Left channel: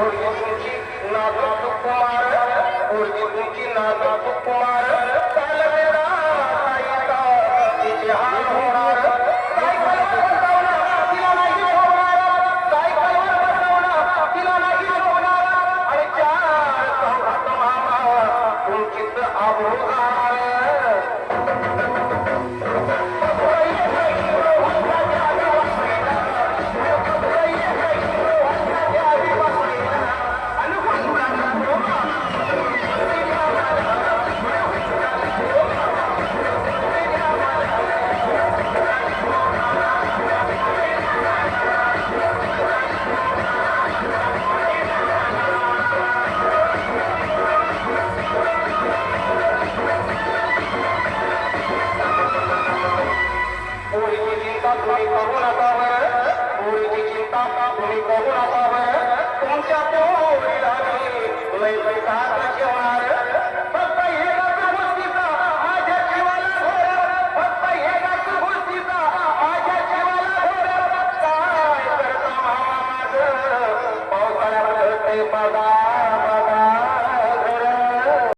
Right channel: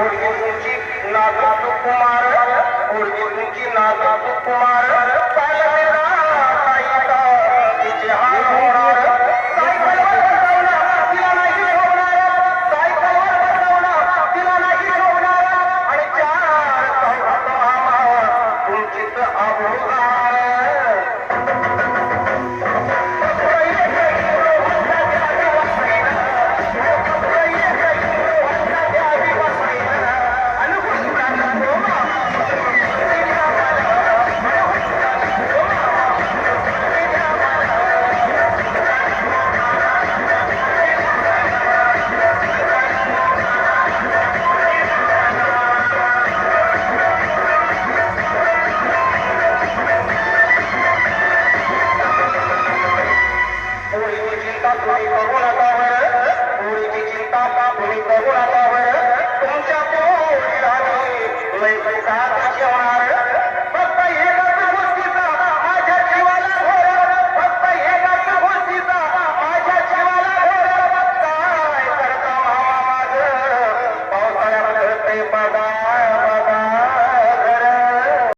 पोरगी तुमची नाजूक कुमार, पोरगी तुमची नाजूक कुमार, काय मेरा ताईचा तिचे हाल होणार, सायकलवर बसवणार तिला नाही ठेवणार, सायकलवर बसवणार तिला नाही ठेवणार, आणि चार चौघात मामा तुमचीच आबोगार. तुम्ही करू नका बरं, पोरीची चिंता तुम्ही करू नका बरं, तुमच्या पोरीला मी लय पैसा ठेवणार, फक्त एकाच गोष्टीचा माझ्या जीवाला घोर, फक्त एकाच गोष्टीचा माझ्या जीवाला घोर, काय करता मामा माझं पावसाळ्यात कळतंय पगार.